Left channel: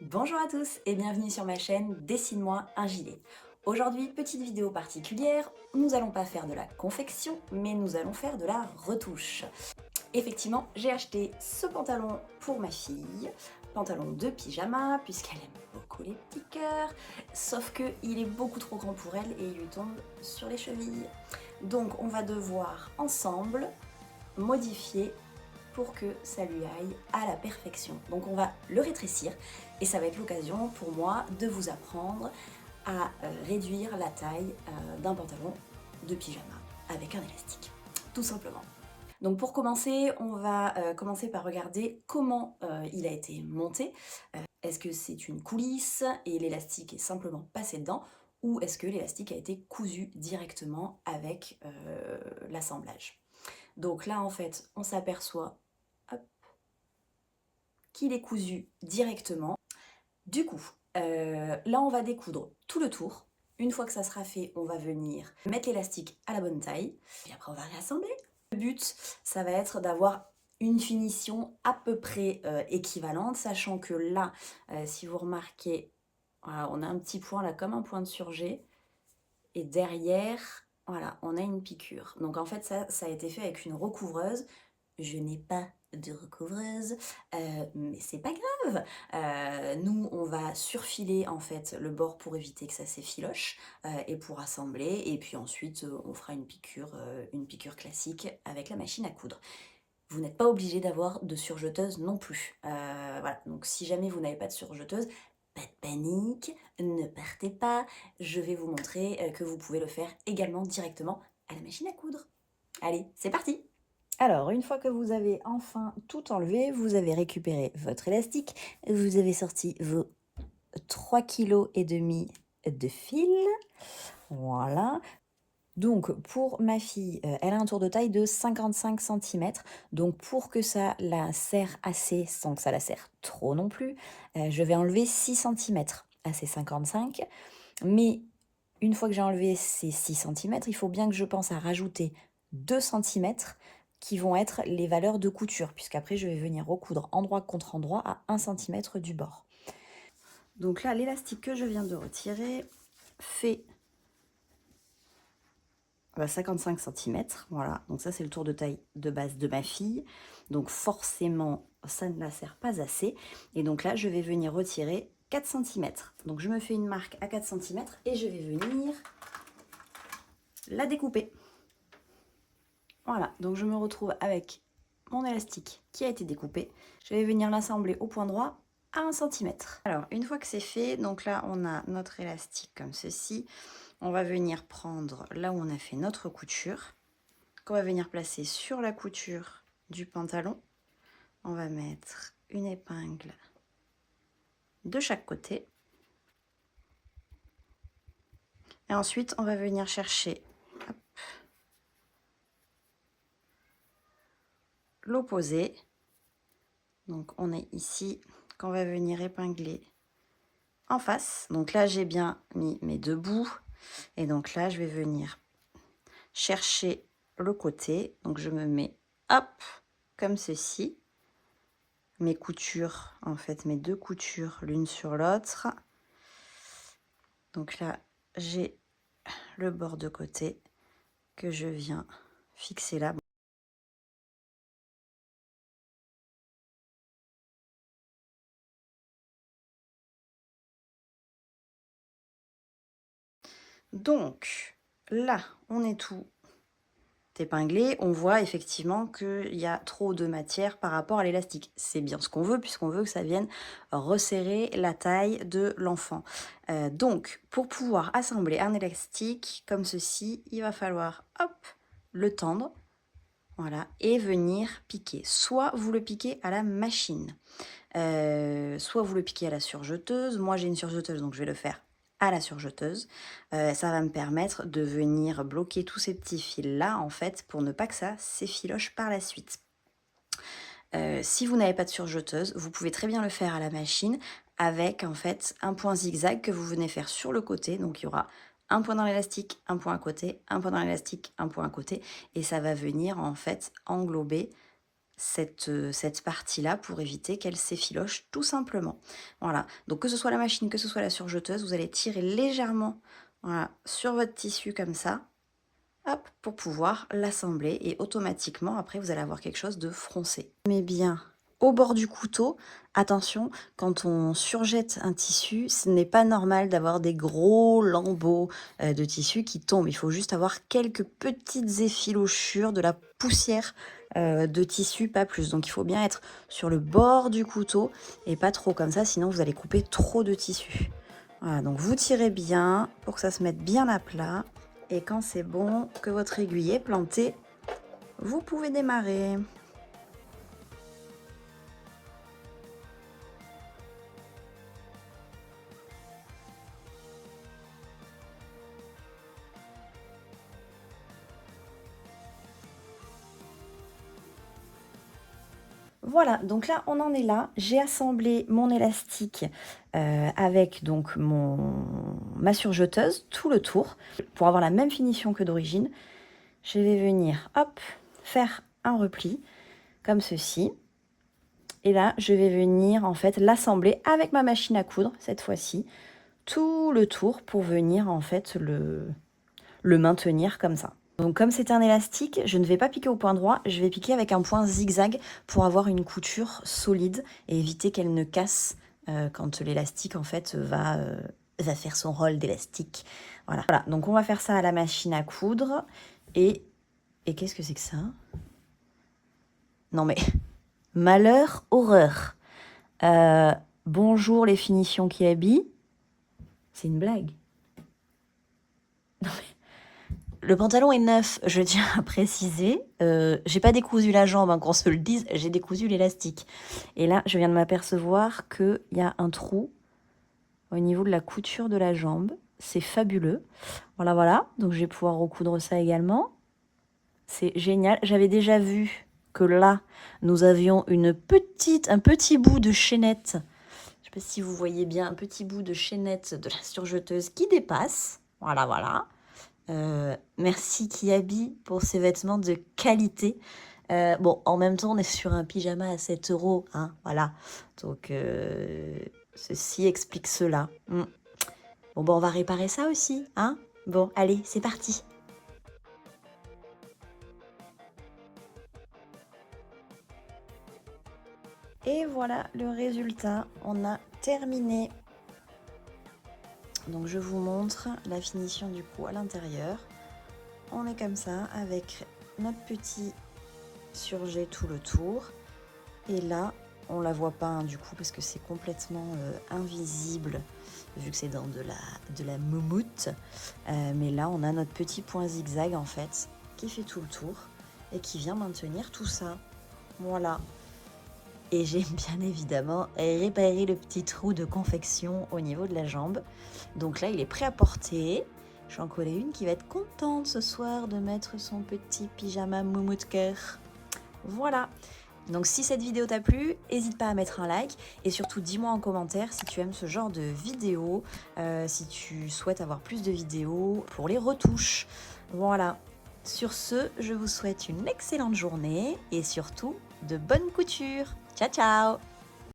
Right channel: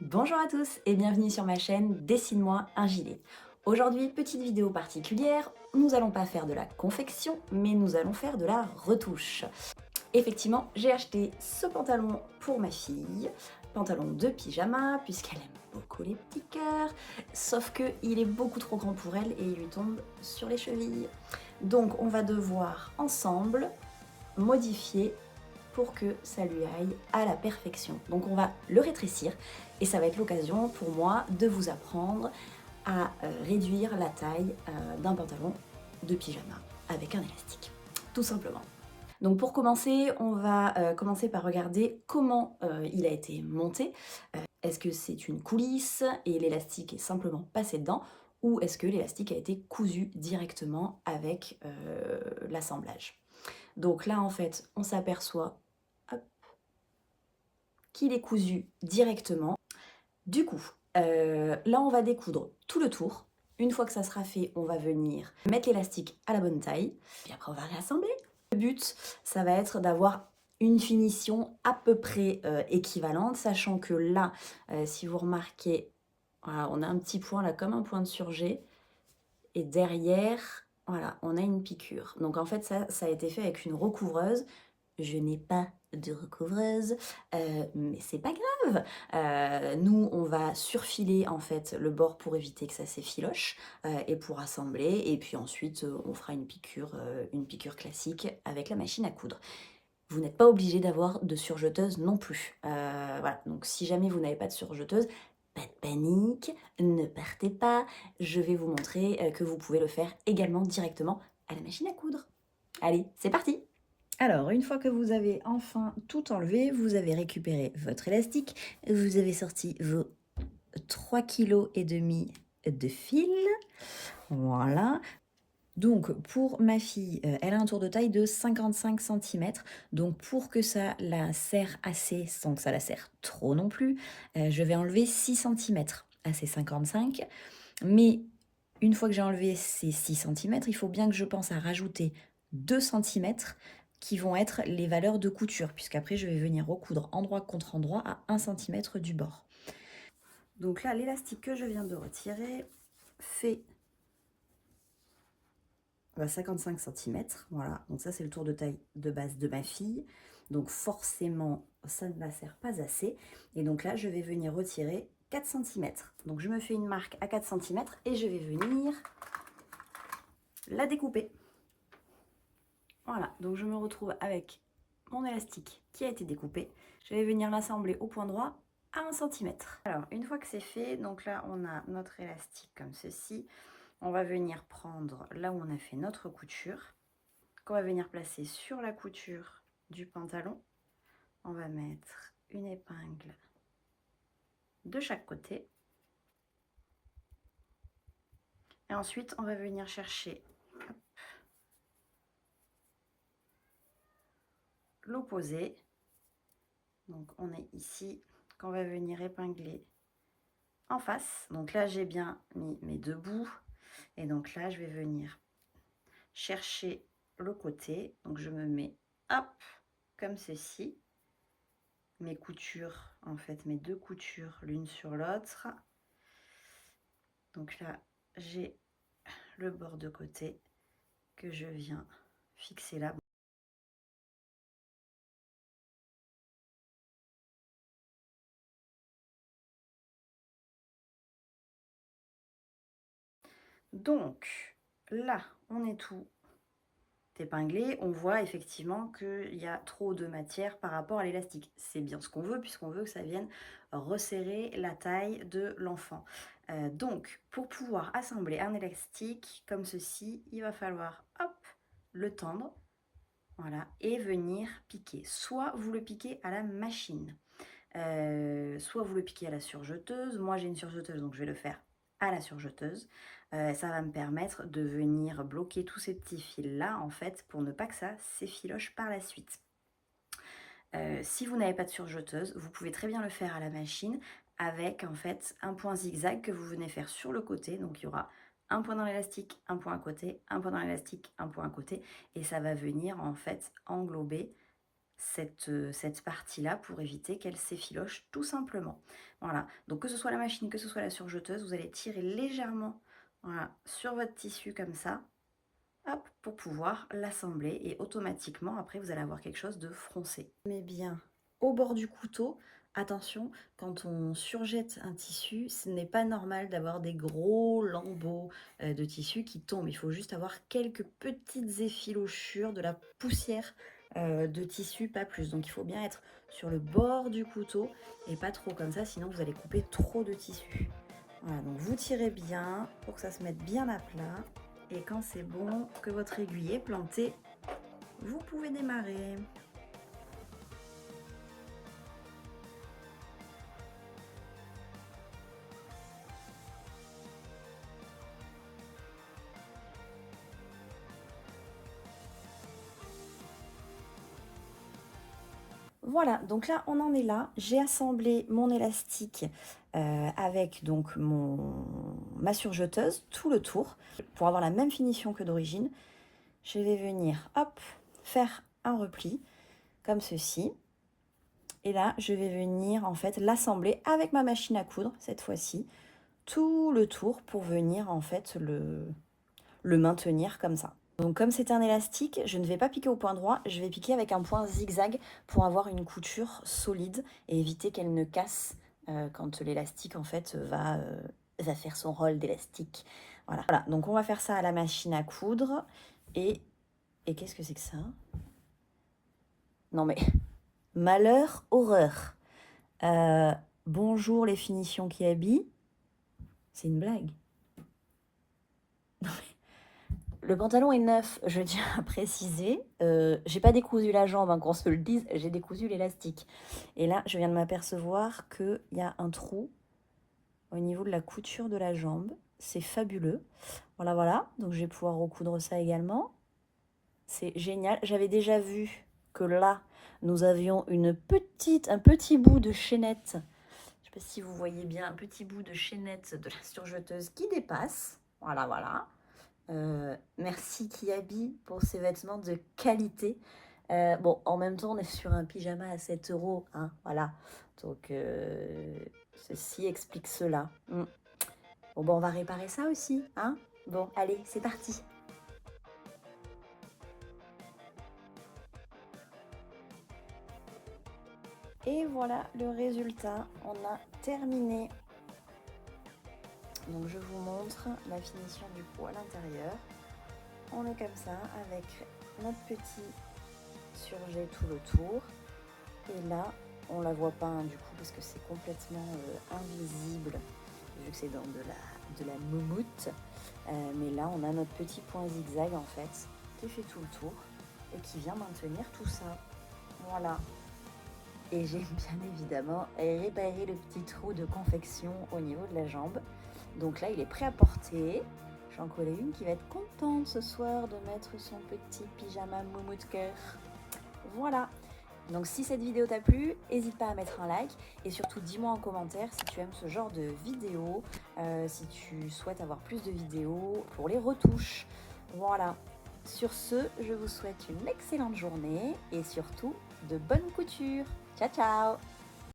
Bonjour à tous et bienvenue sur ma chaîne Dessine-moi un gilet. Aujourd'hui, petite vidéo particulière, nous allons pas faire de la confection, mais nous allons faire de la retouche. Effectivement, j'ai acheté ce pantalon pour ma fille, pantalon de pyjama, puisqu'elle aime beaucoup les petits cœurs, sauf que il est beaucoup trop grand pour elle et il lui tombe sur les chevilles. Donc on va devoir ensemble modifier pour que ça lui aille à la perfection. Donc on va le rétrécir et ça va être l'occasion pour moi de vous apprendre à réduire la taille d'un pantalon de pyjama avec un élastique, tout simplement. Donc pour commencer, on va commencer par regarder comment il a été monté. Est-ce que c'est une coulisse et l'élastique est simplement passé dedans, ou est-ce que l'élastique a été cousu directement avec l'assemblage? Donc là, en fait, on s'aperçoit qu'il est cousu directement. Du coup, là, on va découdre tout le tour. Une fois que ça sera fait, on va venir mettre l'élastique à la bonne taille. Puis après, on va réassembler. Le but, ça va être d'avoir une finition à peu près équivalente, sachant que là, si vous remarquez, voilà, on a un petit point là, comme un point de surjet. Et derrière, voilà, on a une piqûre. Donc en fait, ça a été fait avec une recouvreuse. Je n'ai pas de recouvreuse, mais c'est pas grave. Nous, on va surfiler en fait le bord pour éviter que ça s'effiloche et pour assembler. Et puis ensuite, on fera une piqûre classique avec la machine à coudre. Vous n'êtes pas obligé d'avoir de surjeteuse non plus. Voilà, donc si jamais vous n'avez pas de surjeteuse, pas de panique, ne partez pas. Je vais vous montrer que vous pouvez le faire également directement à la machine à coudre. Allez, c'est parti! Alors, une fois que vous avez enfin tout enlevé, vous avez récupéré votre élastique, vous avez sorti vos 3,5 kg de fil. Voilà. Donc, pour ma fille, elle a un tour de taille de 55 cm. Donc, pour que ça la serre assez, sans que ça la serre trop non plus, je vais enlever 6 cm à ces 55. Mais une fois que j'ai enlevé ces 6 cm, il faut bien que je pense à rajouter 2 cm qui vont être les valeurs de couture, puisqu'après je vais venir recoudre endroit contre endroit à 1 cm du bord. Donc là, l'élastique que je viens de retirer fait 55 cm. Voilà, donc ça c'est le tour de taille de base de ma fille. Donc forcément, ça ne la sert pas assez. Et donc là, je vais venir retirer 4 cm. Donc je me fais une marque à 4 cm et je vais venir la découper. Voilà, donc je me retrouve avec mon élastique qui a été découpé. Je vais venir l'assembler au point droit à 1 cm. Alors, une fois que c'est fait, donc là, on a notre élastique comme ceci. On va venir prendre là où on a fait notre couture, qu'on va venir placer sur la couture du pantalon. On va mettre une épingle de chaque côté. Et ensuite, on va venir chercher l'opposé. Donc, on est ici, qu'on va venir épingler en face. Donc là, j'ai bien mis mes deux bouts. Et donc là, je vais venir chercher le côté. Donc, je me mets, hop, comme ceci. Mes coutures, en fait, mes deux coutures l'une sur l'autre. Donc là, j'ai le bord de côté que je viens fixer là. Donc là, on est tout épinglé. On voit effectivement qu'il y a trop de matière par rapport à l'élastique. C'est bien ce qu'on veut, puisqu'on veut que ça vienne resserrer la taille de l'enfant. Donc, pour pouvoir assembler un élastique comme ceci, il va falloir, hop, le tendre. Voilà, et venir piquer. Soit vous le piquez à la machine, soit vous le piquez à la surjeteuse. Moi, j'ai une surjeteuse, donc je vais le faire à la surjeteuse. Ça va me permettre de venir bloquer tous ces petits fils-là, en fait, pour ne pas que ça s'effiloche par la suite. Si vous n'avez pas de surjeteuse, vous pouvez très bien le faire à la machine avec, en fait, un point zigzag que vous venez faire sur le côté. Donc, il y aura un point dans l'élastique, un point à côté, un point dans l'élastique, un point à côté. Et ça va venir, en fait, englober cette partie-là pour éviter qu'elle s'effiloche tout simplement. Voilà, donc que ce soit la machine, que ce soit la surjeteuse, vous allez tirer légèrement, voilà, sur votre tissu comme ça, hop, pour pouvoir l'assembler et automatiquement après vous allez avoir quelque chose de froncé. Mais bien au bord du couteau, attention, quand on surjette un tissu, ce n'est pas normal d'avoir des gros lambeaux de tissu qui tombent. Il faut juste avoir quelques petites effilochures, de la poussière de tissu, pas plus. Donc il faut bien être sur le bord du couteau et pas trop comme ça, sinon vous allez couper trop de tissu. Voilà, donc vous tirez bien pour que ça se mette bien à plat. Et quand c'est bon, que votre aiguille est plantée, vous pouvez démarrer. Voilà, donc là, on en est là. J'ai assemblé mon élastique avec donc ma surjeteuse, tout le tour, pour avoir la même finition que d'origine. Je vais venir, hop, faire un repli, comme ceci. Et là, je vais venir, en fait, l'assembler avec ma machine à coudre, cette fois-ci, tout le tour pour venir, en fait, le maintenir comme ça. Donc comme c'est un élastique, je ne vais pas piquer au point droit, je vais piquer avec un point zigzag pour avoir une couture solide et éviter qu'elle ne casse quand l'élastique en fait va faire son rôle d'élastique. Voilà. Voilà, donc on va faire ça à la machine à coudre et qu'est-ce que c'est que ça? Non mais, malheur, horreur. Bonjour les finitions qui habillent. C'est une blague. Non mais... Le pantalon est neuf, je tiens à préciser. J'ai pas décousu la jambe, hein, qu'on se le dise, j'ai décousu l'élastique. Et là, je viens de m'apercevoir qu'il y a un trou au niveau de la couture de la jambe. C'est fabuleux. Voilà, voilà. Donc, je vais pouvoir recoudre ça également. C'est génial. J'avais déjà vu que là, nous avions un petit bout de chaînette. Je sais pas si vous voyez bien, un petit bout de chaînette de la surjeteuse qui dépasse. Voilà, voilà. Merci Kiabi pour ces vêtements de qualité. Bon, en même temps, on est sur un pyjama à 7 €, hein, voilà. Donc, ceci explique cela. Bon, bon, on va réparer ça aussi, hein. Bon, allez, c'est parti. Et voilà le résultat. On a terminé. Donc, je vous montre la finition du coup à l'intérieur. On est comme ça avec notre petit surjet tout le tour. Et là, on la voit pas hein, du coup parce que c'est complètement invisible vu que c'est dans de la moumoute. Mais là, on a notre petit point zigzag en fait qui fait tout le tour et qui vient maintenir tout ça. Voilà. Et j'ai bien évidemment réparé le petit trou de confection au niveau de la jambe. Donc là, il est prêt à porter. J'en connais une qui va être contente ce soir de mettre son petit pyjama moumoute cœur. Voilà. Donc si cette vidéo t'a plu, n'hésite pas à mettre un like et surtout dis-moi en commentaire si tu aimes ce genre de vidéo, si tu souhaites avoir plus de vidéos pour les retouches. Voilà. Sur ce, je vous souhaite une excellente journée et surtout de bonnes coutures. Ciao ciao!